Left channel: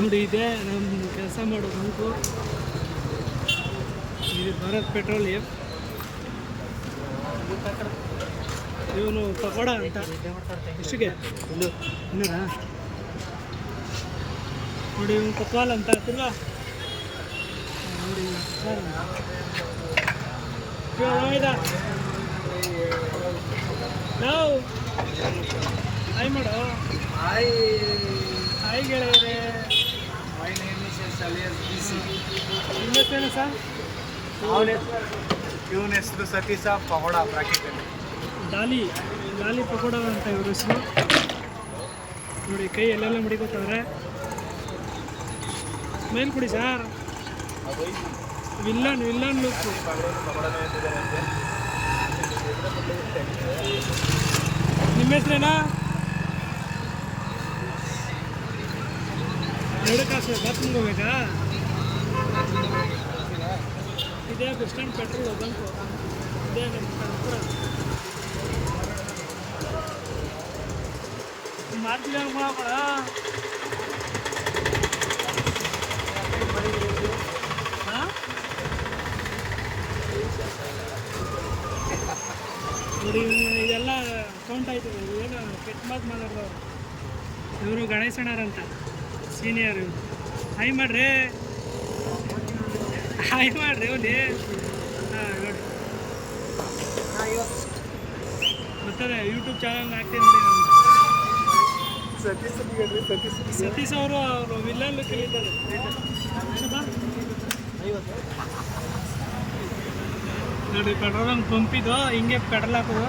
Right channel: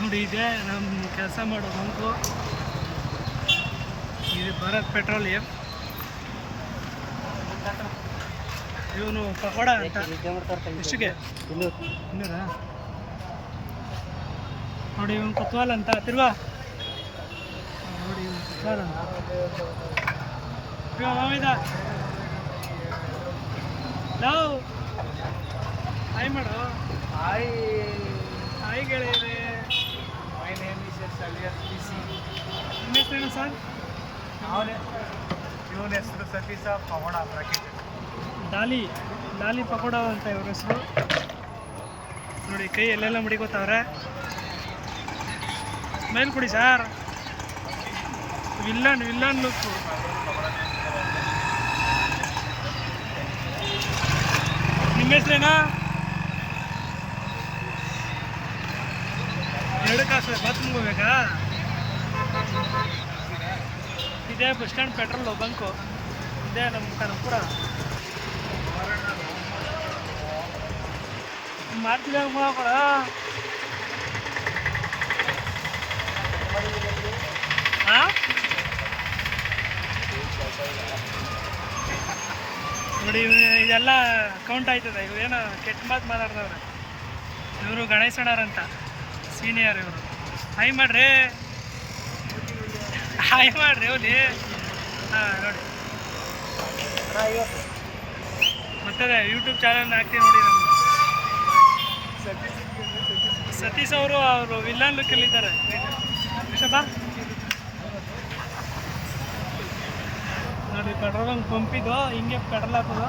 ನೋಡಿ ಇದೆ ನಮ್ಮ ಕೆಲಸ ಮಾಡೋ ಬಂಕು. ಇದು ಭಾರತ್ ಪೆಟ್ರೋಲಿಯಂ. ಇವನು ಪಕೋಡ ಅಂತ. ಎಷ್ಟಿಗೆ? ಇನ್ನೂರಾ? ನೋಡಿ ಇವನು ಕೊತ್ವಾಲ್ ಅಂತ ತಿರ್ವಾ ನೋಡಿ ಇವನು ಕೊತ್ವಾಲ್ ಅಂತ. ಹಾಯ್ ಮಾಡೋ. ಹಾಯ್ ಹಾಯ್ ಗೆಳೆಯರೇ. ನಿಮ್ಮ ಹೆಸರೇನು ಸರ್ ಇವನ ಹೆಸರು ಸತೀಶ ಪಕೋಡ ಡಾಲಿ ಡಾಲಿ ಪಕೋಡ ಅಂತ ಇವ್ರ ಹೆಸರು. ನೋಡಿ, ಕೈ ಎಲ್ಲೆಲ್ಲ ಮುಡಿಕೋತಾವ್ರೆ. ಮೇಲ್ ಕೊಡಿ ಸರ್. ವಿಲ್ಲನ್ ವಿಲ್ಲನ್ ಲುಕ್ ನಿಮ್ಮ ಹೆಸ್ರೇನಾ? ಎರಡು ಕಾಸು ಬಾತ್ರೂಮ್ಗೆ ಹೋಗ್ಬೇಕಾ ಇದೇ ಬಸ್ ಸ್ಟ್ಯಾಂಡ್ ಪೆಟ್ರೋಲ್ ಬಂಕು ಇದೇ ನಮ್ಮ ಕರ್ಪುರ ಹಾಂ ನೋಡಿ, ಇದೆಲ್ಲ ಕೌಂಟ್ ಆಯ್ತದೆ. ಇವು ಏನೋ ಕೆಟ್ಟ ಮಾತು ಮಾತಾಡ್ದವ್ರೆ. ಇವರು ಗಣೇಶಣ್ಣರಂತ ಸೀನಿಯರ್ ಇವರು. ಹಾಯ್ ಮಾಡ್ರಿ. ಹಾಯ್ ಮಾಡ್ರಿ ಅವಲಿ ಹಾಂ, ನೋಡಿ. ಮತ್ತೆ ಯೂಟ್ಯೂಬ್ ಚಾನಲ್ ಹಾಕ್ತೀವಿ ನೋಡಿ ನಮ್ದು. ಸತೀಶ್ ಅವರು ಅವರು ವಿಲ್ಲನ್ ಲುಕ್ಕಲ್ಲಿ ಇದ್ದಾರೆ. ನೋಡಿ ಪೆಟ್ರೋಲ್ ಹಂಗೆ ಪಂಪಿದ್ದು ಹಿಂಗೆ ಪೆಟ್ರೋಲ್ ಹಾಕೋದು.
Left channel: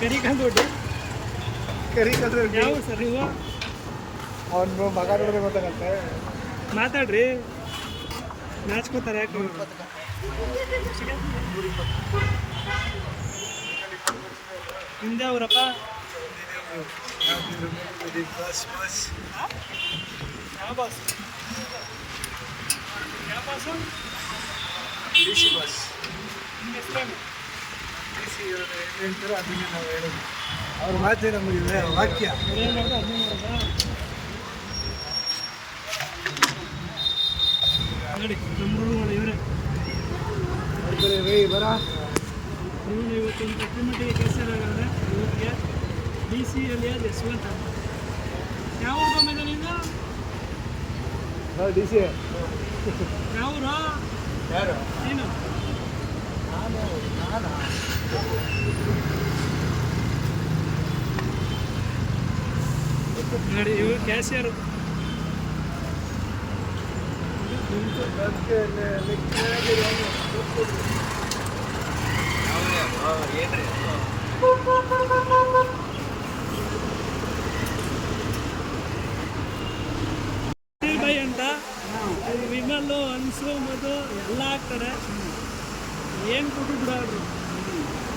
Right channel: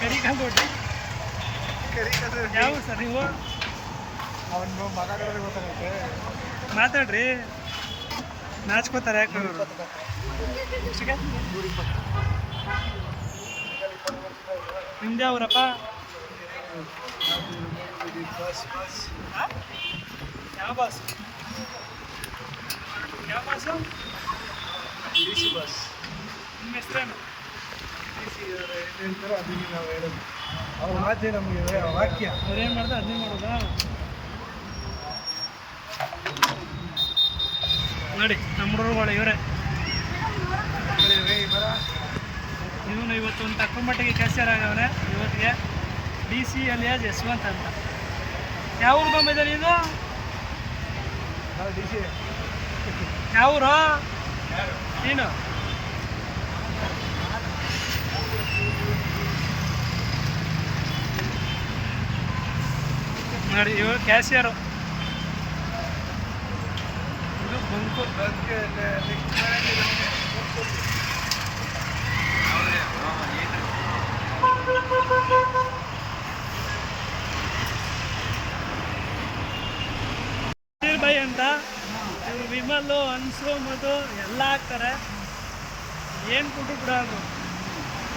ಕರಿಕಾಲ್ ದೊಡ್ಡಿ ಕರಿ ಕಲ್ದ್ರೆ ಯಾವ ಊರು ಸರ್ ನೀವು? ಅವನು ಮಾತಾಡಿದ್ರೆ ಗೊತ್ತಾನೆ ಮಾತಾಡ್ರಿ. ನಾಚ್ಕೋತಾರೆ ಯಾಕೆ ಅವರು ನಿಮ್ದು ಯಾವ ಬಸ್ ಯಾವ ಬಾಸ್? ಯಾವ ಬಾಸು? D C bus. ನಿಮ್ಮ ಹೆಸ್ರೇನು? ಸಿ ಅವರು ಏನು ಹೇಳ್ತಾರೋ ಅದನ್ನೇ ನಾವು ಹೇಳೋದು. ಅವ್ರ ಮಾತೇ ನಮಗೆ ವಾಕ್ಯ. ಅವ್ರು ಏನು ಮಾಡ್ದೆ ಅದನ್ನೇ ಮಾಡೋದಾ? ನೋಡಿ ನಮ್ಮ ಹುಡುಗರು ಮಾಡಿ ಇವರೇ. ಇವನು ಇವತ್ತು ಒಂದು ತಕ್ಕ ಮಟ್ಟಿಗೆ ಆಗಿ ಆಗವ್ರೆ ಇವತ್ತಿಗೆ D C L S Yashavanta ಅಂತ. ಯಾವ ಊರು ಬಂದಿದೆ ನೀನು? ಡಿ ಸಿ ಯಾವ ಊರು? ನೀನು? ನೋಡಿ, ಇವರು ಕ್ಯಾಶಿಯರು ಇದು ಗುಂಪು. ಬೈ ಅಂತ. ಇವ್ರು ವಿಮಲ್ಲು ಅನ್ಸು ಮದು ಎಲ್ಲ ಹಾಕ್ತಾರೆ. ಏನು ಕೊಟ್ಟು ಬಿಡೋರು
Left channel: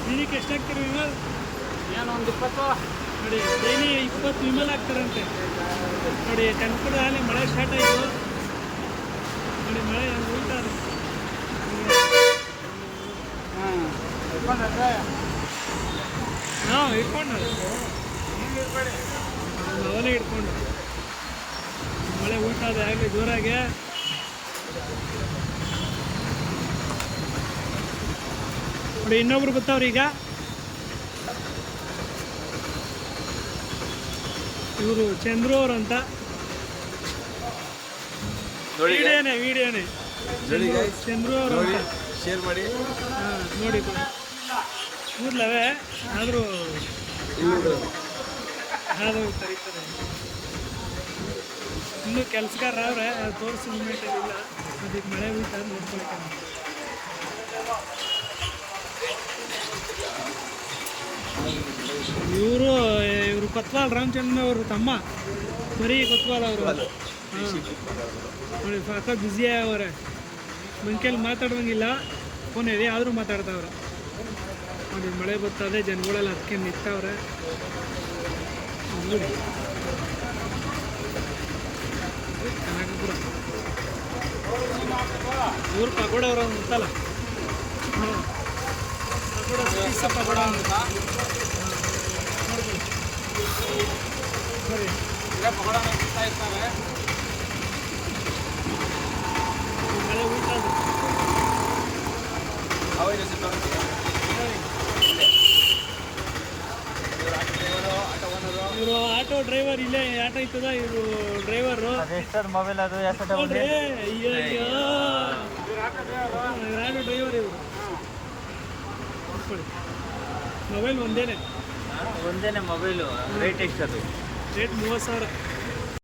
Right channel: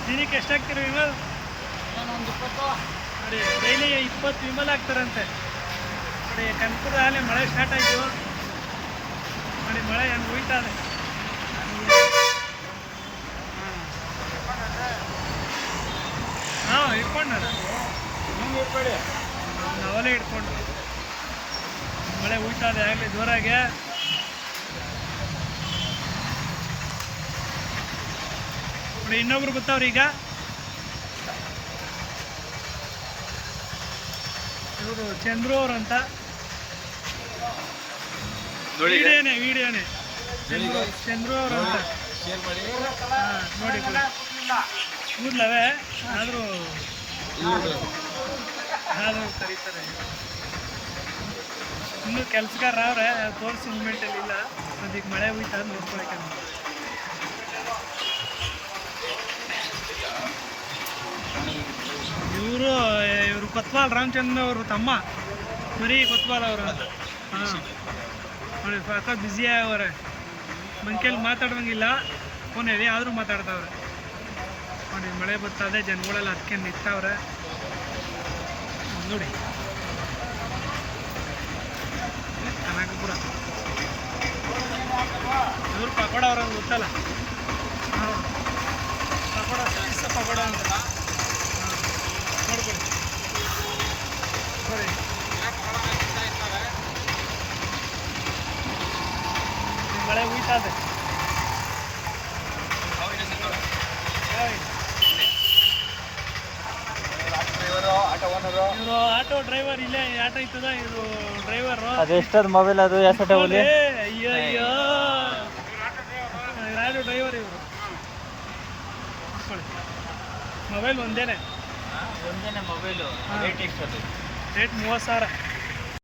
ದಿನಕ್ಕೆ ಎಷ್ಟಾಗ್ತೀರಿ ವಿಮಲ್? ಏನೋ ಒಂದು ಇಪ್ಪತ್ತು. ನೋಡಿ ಡೈಲಿ ಇಪ್ಪತ್ತು ವಿಮಲ್ ಆಗ್ತಾರಂತೆ. ನೋಡಿ ಕನಕಪುರದಲ್ಲಿ ಮಳೆ ಸ್ಟಾರ್ಟ್ ಆಯಿತು. ನೋಡಿ, ಮಳೆ ಹಂಗೆ ಹೋಯ್ತಾ ಇದೆ. ಹಾಂ, ಇಟ್ಕೊಂಡಲ್ಲ? ನಾವಲ್ಲೇ ಇಟ್ಕೊಂಡು. ಮಳೆ ಹೋಯ್ತಾ ಇದೆ, ಆಗಲಿ ಜೋರಾಗೆ. ನೋಡಿ, ಇನ್ನೊಬ್ರು ಬರ್ತಾವ್ರಿ ಇವರು ಚಂದ್ರು ಅವ್ರು ಅಂತ. ವಿಡಿಯೋನೇ ವಿಡಿಯೋನೇ. ಚಂದ್ರು ಚಂದ್ರು ಅವ್ರು ಅಂತ. ಶೇರ್ ಮಾಡಿ. ಹಾಂ ನೋಡಿ ಕೊಡಿ. ಕೂದ್ಲವೇ? ಆದರೂ ಆದರೂ ಕರೀತಾರೆ. ಇನ್ನೂ ಕೆಲಸಗಾರ ಅವ್ರೆ ತೋರಿಸೋ ಮೂಮೆಂಟಲ್ಲಿ ಇಲ್ಲ. ಅದಕ್ಕೆ ಮಳೆ ಹೋಯ್ತಾ ನೋಡ್ಕೊಳಕ್ಕೆ ನಮ್ಮ ಕೊತ್ವಾಲ್ ರಾಮಚಂದ್ರ ಅವರು ತಮ್ಮ ಮರಿ ಕೊತ್ವಾಲ್ ಅವರು ಹಾಂ. ನೋಡಿ, ಸಾಕ ಬ್ಯುಸಿ ಅವರೆ. ಮಂಕೇಲಿ ಮಾತಾಡೋಂಗಿಲ್ಲ ಫೋನ್ ಇದೆ ಆದರೂ ಮಾತಾಡ್ತಾವ್ರೆ. ನೋಡಿ, ಮಳೆ ಬರ್ತದೆ ಜನಗಳೆಲ್ಲ ಅದಕ್ಕೆ ನಿಂತವ್ರೆ. ನೋಡಿ. ಕನಕಪುರ. ಇವರು ಪಕೋಡ ಅವ್ರ ಗೊತ್ತಲ್ಲ? ಹಾಂ. ಪಕೋಡ ಪಕೋಡ ಅಂತ. ನೋಡ್ಕೊಳ್ಳಿ. ಸರಿ. ಮಳೆ ಉಯ್ತಾ ಇದೆ ಇವರು ಆಟೋ ಡ್ರೈವರ್ ಇಲ್ಲೇ ಆಟೋ ಇತ್ತದ ಇವರು ಡ್ರೈವರ್? ಅದು ಎಷ್ಟದ ಮೊಬೈಲ್ ಅದು ನೋಡ್ರಿ. ಅಯ್ಯೋ ಅಯ್ಯೋ. ಇವ್ರು ಆಟೋ ಡ್ರೈವರ್ ಇವರು. ಮೊಬೈಲ್ ಒಂದೇನೆ. ಒಂದೇನೆ ಮೊಬೈಲು ರೇಟ್ ಎಷ್ಟದು? ರೇಟ್ ಮೂವತ್ತು ಸಾವಿರ